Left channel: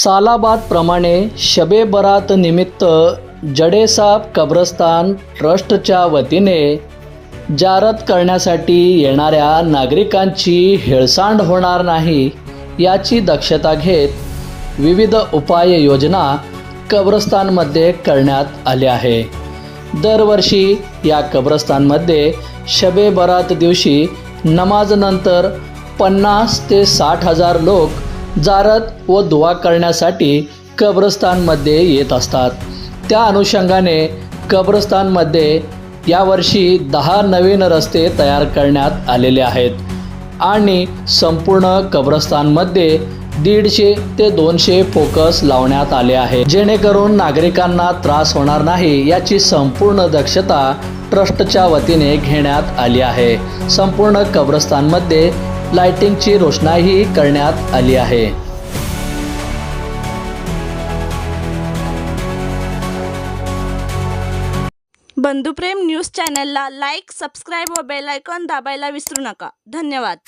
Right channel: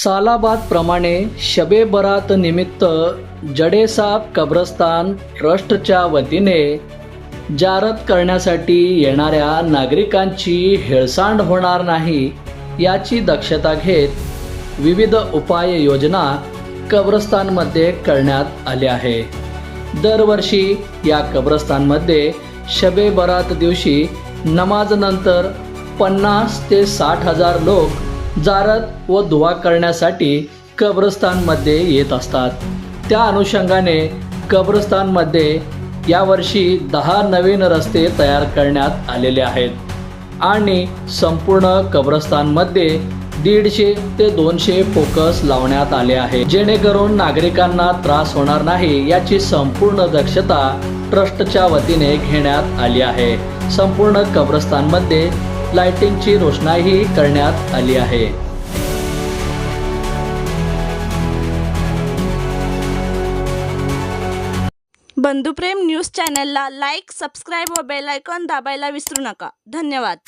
सालाबाद प्रमाणे शबे बरात निमित्त जडेसाब कब्रस्तान ट्रस्टच्या वतीने जारत करण्यासाठी येणाऱ्या नागरिकांची हेळसांड होणार नाही याची दक्षता घेत विविध उपाययोजना कब्रस्तानमध्ये करण्यात आल्या आहे। दरवर्षी या कब्रस्तानमध्ये शबे बरात दिवशी नमाजनंतर 50 ते 60 हजार लोक जारत व दुआ करण्यासाठी कब्रस्तानमध्ये येत असतात। त्या अनुषंगाने कब्रस्तानमध्ये यावर्षी 10 नवीन रस्ते तयार करण्यात आलेले आहेत आणि संपूर्ण कब्रस्तानमध्ये 150 ते 200 फोकस लावण्यात आले आहे, जेणेकरून नागरिकांना त्रास होणार नाही याची संपूर्ण दक्षता ट्रस्टच्या वतीने घेण्यात आली आहे। संपूर्ण कब्रस्तानमध्ये लाइटिंगची रोषणाई करण्यात आली आहे। बंधुप्रेम न्यूज चॅनलला लाईक, सबस्क्राईब व बेल आयकॉन दाबायला विसरू नका। धन्यवाद।